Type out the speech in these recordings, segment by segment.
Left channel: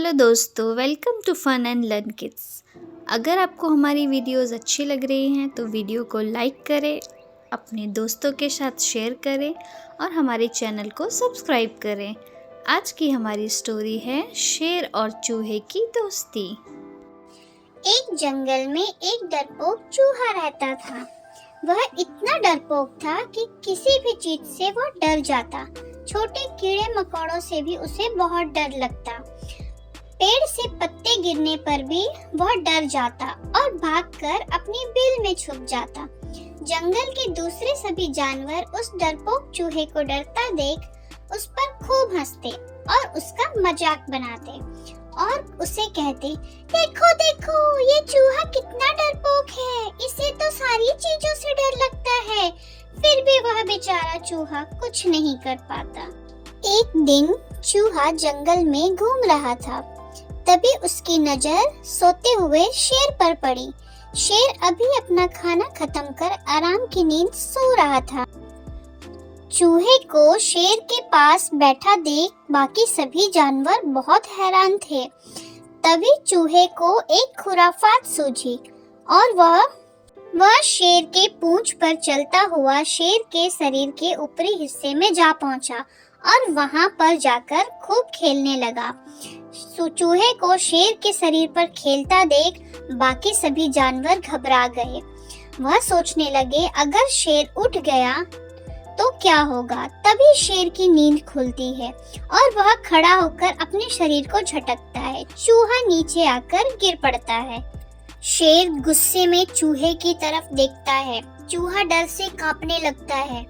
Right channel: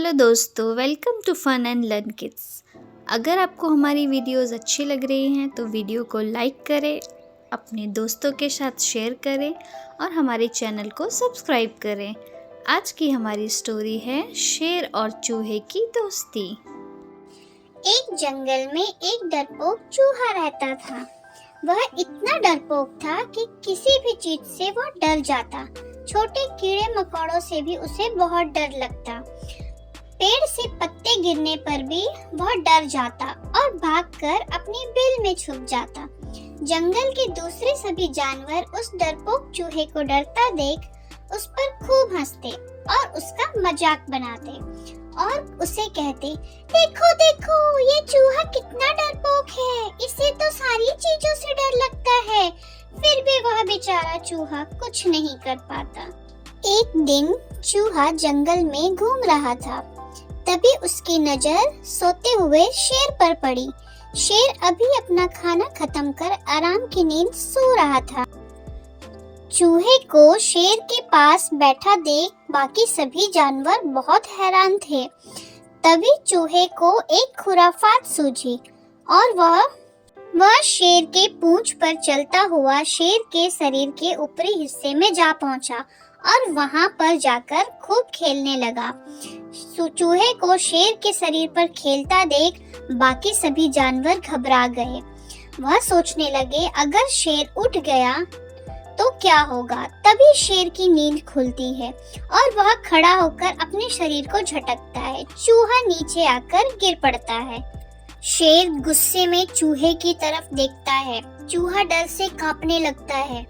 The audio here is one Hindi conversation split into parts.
हेलो दोस्तों, welcome to fun and learn kids. अगर आपको हमारी वीडियोस अच्छी लग रही हैं तो वीडियो को लाइक करें, अपने दोस्तों के साथ शेयर करें और हमारे चैनल को सब्सक्राइब करें। आज की हमारी स्टोरी है शेर और चूहे की दोस्ती। एक जंगल में एक डरपोक चूहा रहता था। वह इतना डरपोक था कि किसी भी चीज से वह डर जाता। छोटे कीड़े मकोड़ों से भी उसे बहुत डर लगता। पेड़ से पत्ते गिरने पर भी वह डर जाता और भागकर अपनी बिल में छुप जाता। जंगल के दूसरे सभी जानवर उस डरपोक चूहे को डरता देख उस पर खूब हंसते और उसका मजाक बनाते और उसे कहते, देखो देखो ये चूहा कितना डरपोक है, इसे तो सारी चीजों से डर लगता है, फिर भी वह बेचारा चूहा कुछ नहीं कर पाता। एक दिन चूहा जंगल में घूम रहा था। तभी उसकी नजर सोते हुए शेर पर पड़ी। शेर अभी अपना खाना खत्म कर आराम की नींद सो रहा था। चूहे को शेर के पास बैठा देख बाकी सभी जानवर बहुत हैरान थे। तभी चूहे को एक खुराफात सूझी और वह शेर के पूंछ पर चलता हुआ शेर के शरीर के ऊपरी हिस्से में जा पहुंचा और वहां पर जाकर खूब खेलने लगा। चूहे को शेर के शरीर पर खेलता देख बाकी सभी जानवर घबरा गए। वह सोचने लगे अगर शेर उठ गया तो क्या होगा। तभी शेर की नींद खुलती है और वह खड़ा होकर अपने शरीर को झटकता है। चूहा नीचे आकर गिर पड़ता है। शेर गुस्से में चूहे की तरफ देखता है। चूहा डर से कांपने लगता है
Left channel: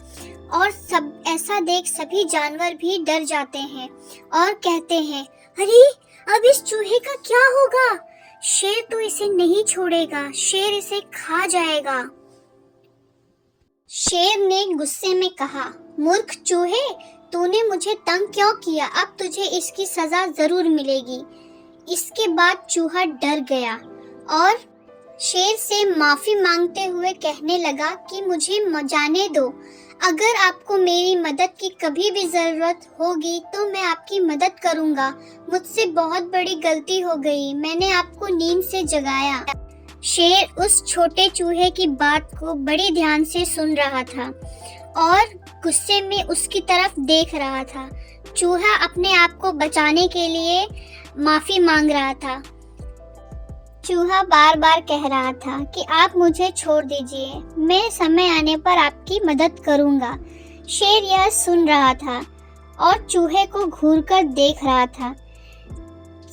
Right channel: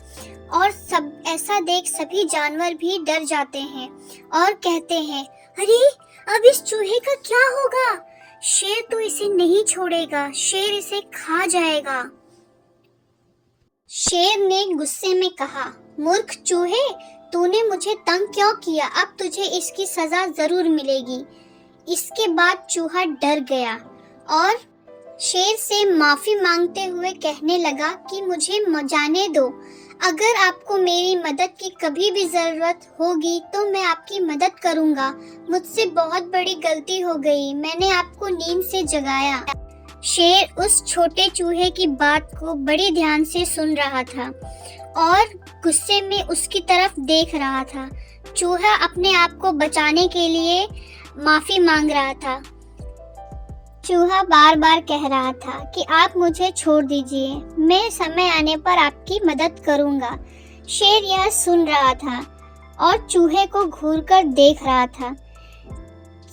और सब ऐसा देख सभी जानवर भी डर जाते हैं और कहते हैं, अरे अब इस चूहे का क्या होगा? शेर तो इसे नहीं छोड़ेगा, शेर इसे खा जाएगा। शेर ने गुस्से में कहा, मूर्ख चूहे, तूने मुझे तंग क्यों किया? अब तुझे इसकी सजा जरूर मिलेगी। इसके बाद चूहा डर गया और शेर से माफी मांगते हुए कहने लगा कि मुझे जाने दो। अगर आपको मेरी मदद की कभी भी जरूरत होगी तो मैं आपकी मदद करूंगा। मुझसे बहुत बड़ी गलती हो गई, मैंने आपको नींद से जगाया। शेर उस छोटे चूहे की बात को बड़े ध्यान से सुन रहा था और गुस्से में उसकी तरफ देख रहा था। चूहा अपने आप को बचाने के लिए माफी मांग रहा था। चूहा बार बार कह रहा था कि आप मुझे छोड़ दीजिए, मैं समय आने पर आपकी मदद करूंगा। शेर यह सुन रहा था और चूहे को घूरकर देख रहा था।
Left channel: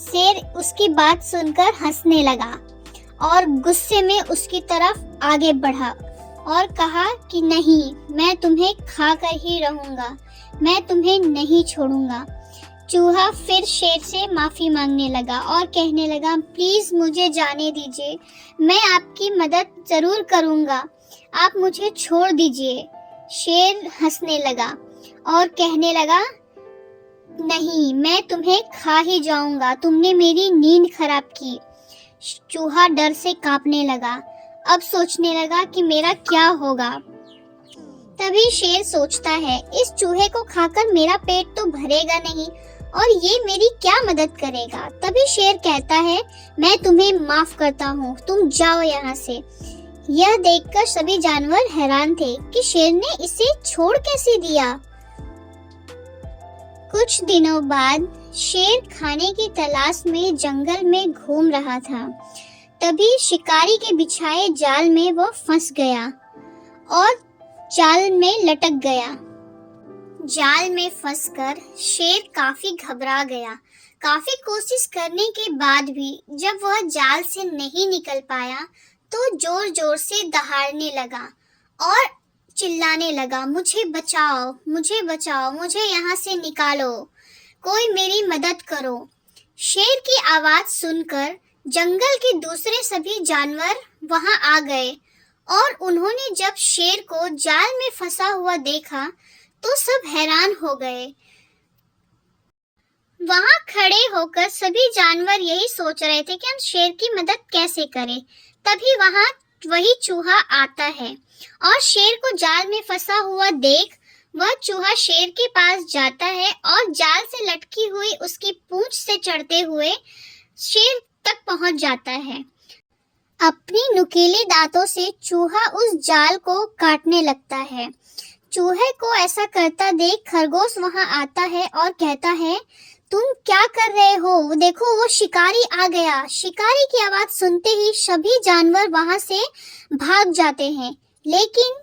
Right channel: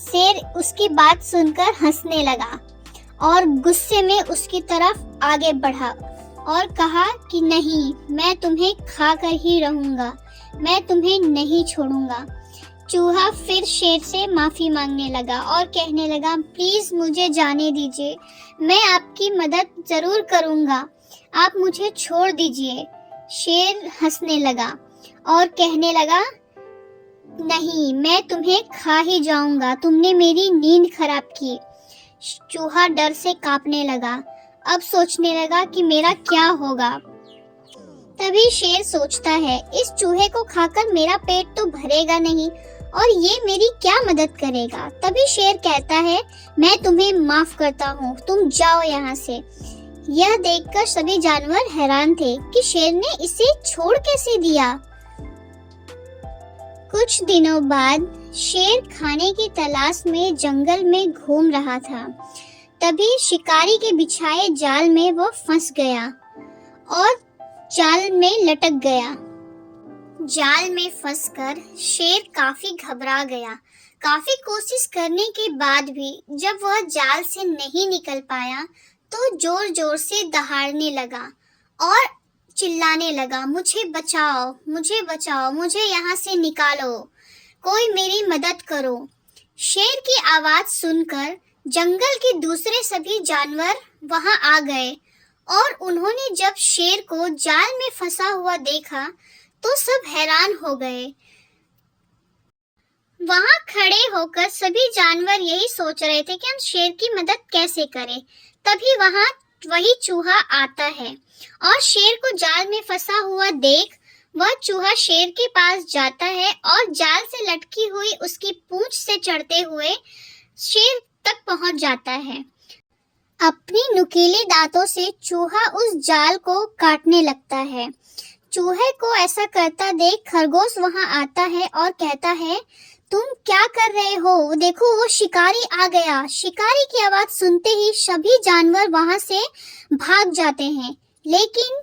शेर उसकी बात सुनकर हंसने लगा और गुस्से में उसकी तरफ आगे बढ़ा और कहा कि नहीं, मैं तुम्हें खाकर ही रहूंगा, मैं तुम्हें नहीं छोड़ूंगा। चूहा फिर शेर से माफी मांगने लगा और कहने लगा, प्लीज मुझे जाने दीजिए, मैं आपकी मदद जरूर करूंगा, आप मुझे छोड़ दीजिए। शेर हंसने लगा और कहने लगा, नहीं, मैं तुम्हें खा ही जाऊंगा, तुमने मेरी नींद खराब की। चूहा डर से कांपने लगा। अब सोचने लगा कि मेरा क्या होगा। तभी शेर सोचता है, इस चूहे को खाकर मेरा पेट तो भरेगा नहीं और ये मेरी क्या मदद करेगा। तभी शेर कहता है, मैं तुम्हें माफ करता हूँ, तुम जाओ यहाँ से। यह देखकर सभी जानवर हैरान थे कि शेर ने इसे छोड़ कैसे दिया। कुछ दिनों बाद शेर खाने की तलाश में जंगल में घूम रहा था। तभी शिकारी के बिछाए जाल में वो फंस गया और जाल में लटक गया। जाल में फंसकर शेर काफी घबरा गया। काफी कोशिश करने के बाद भी जब वह जाल से नहीं निकल पाया तो जोर जोर से दहाड़ने लगा और चिल्लाने लगा, मुझे बचाओ, मुझे बचाओ, मुझे यहाँ से निकालो, कोई मेरी मदद करो। शेर की आवाज सुनकर जंगल के दूसरे सभी जानवर वहां आ गए और उन्होंने जब शेर को जाल में फंसा हुआ देखा तो सब हैरान हो गए। वहां खड़े होकर सभी जानवर यही सोच रहे थे कि हम शेर की मदद कैसे करें। तभी वहां वही चूहा आता है और शेर को जाल में फंसा हुआ देख वह चूहा शेर के पास जाता है और जाल से लटकी हुई उसकी पूंछ से चढ़ते हुए शेर तक पहुंच जाता है। अपने नुकीले दांतों से चूहा उस जाल को काटने लगता है। चूहे को ऐसा करता देख खरगोश वहां आता है और कहता है, तुम क्या कर रहे हो? देखो, वो शिकारी आ गया। शिकारी की आवाज सुनते ही सभी जानवर वहां से भाग जाते हैं, लेकिन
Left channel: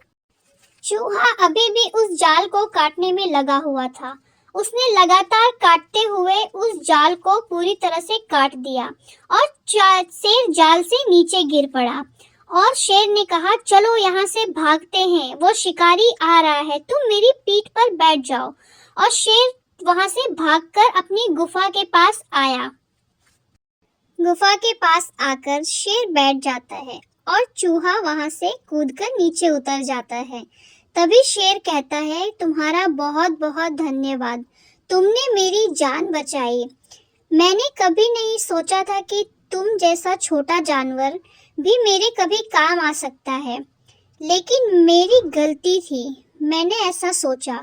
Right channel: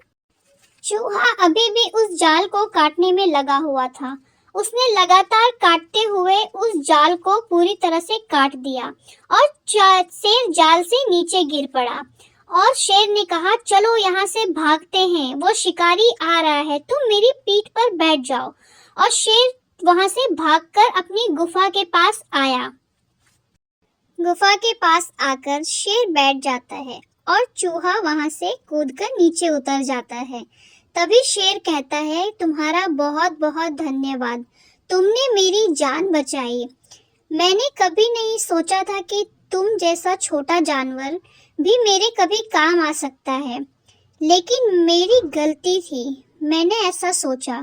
चूहा अभी भी उस जाल को काटने में लगा हुआ था। उसने लगातार काटते हुए उस जाल को पूरी तरह से काट दिया और शेर जाल से नीचे गिर पड़ा। और शेर ने कहा, चलो यहाँ से भागते हैं, वो शिकारी आ रहा है, तुम मेरी पीठ पर बैठ जाओ। और शेर वहां से भागकर अपनी गुफा के पास आया। गुफा के पास आकर शेर बैठ जाता है और चूहा वहां से कूदकर नीचे उतर जाता है। तभी शेर कहता है, तुम्हारा बहुत बहुत धन्यवाद, तुमने मेरी जान बचाई। मैंने कभी नहीं सोचा था कि तुम जैसा छोटा जानवर भी मेरे कभी काम आ सकता है, लेकिन मेरी गलती थी, मैंने ऐसा सोचा।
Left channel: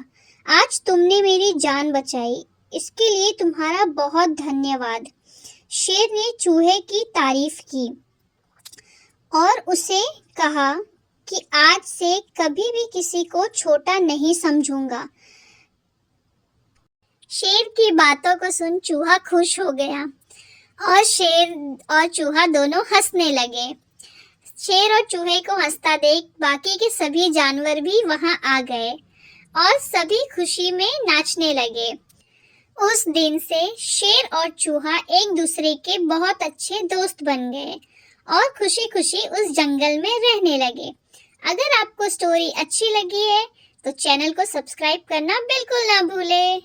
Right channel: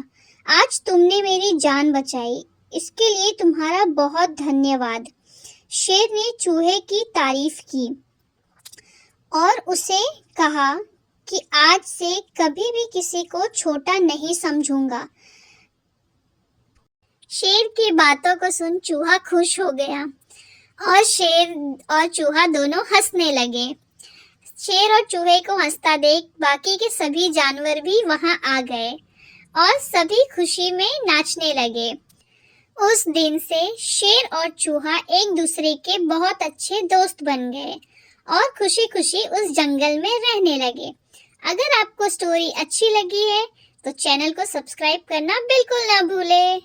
आज तुमने मेरी जान बचाई, इसके लिए तुम्हारा बहुत धन्यवाद। शेर ने चूहे की तारीफ की और उसे कहा कि आज से कभी भी किसी को छोटा नहीं समझूंगा। शेर की बातों को सुन चूहा खुश हो गया और शेर और चूहा दोनों हंसने लगे। शेर और चूहे को हंसता देख बाकी के सभी जानवर भी वहां आ गए और सभी खुशी में नाचने लगे। उस दिन से शेर और चूहा एक दूसरे के बहुत अच्छे दोस्त बन गए और खुशी खुशी उस जंगल में रहने लगे। अगर आपको स्टोरी अच्छी लगी है तो चैनल को सब्सक्राइब करना बिल्कुल ना भूलें।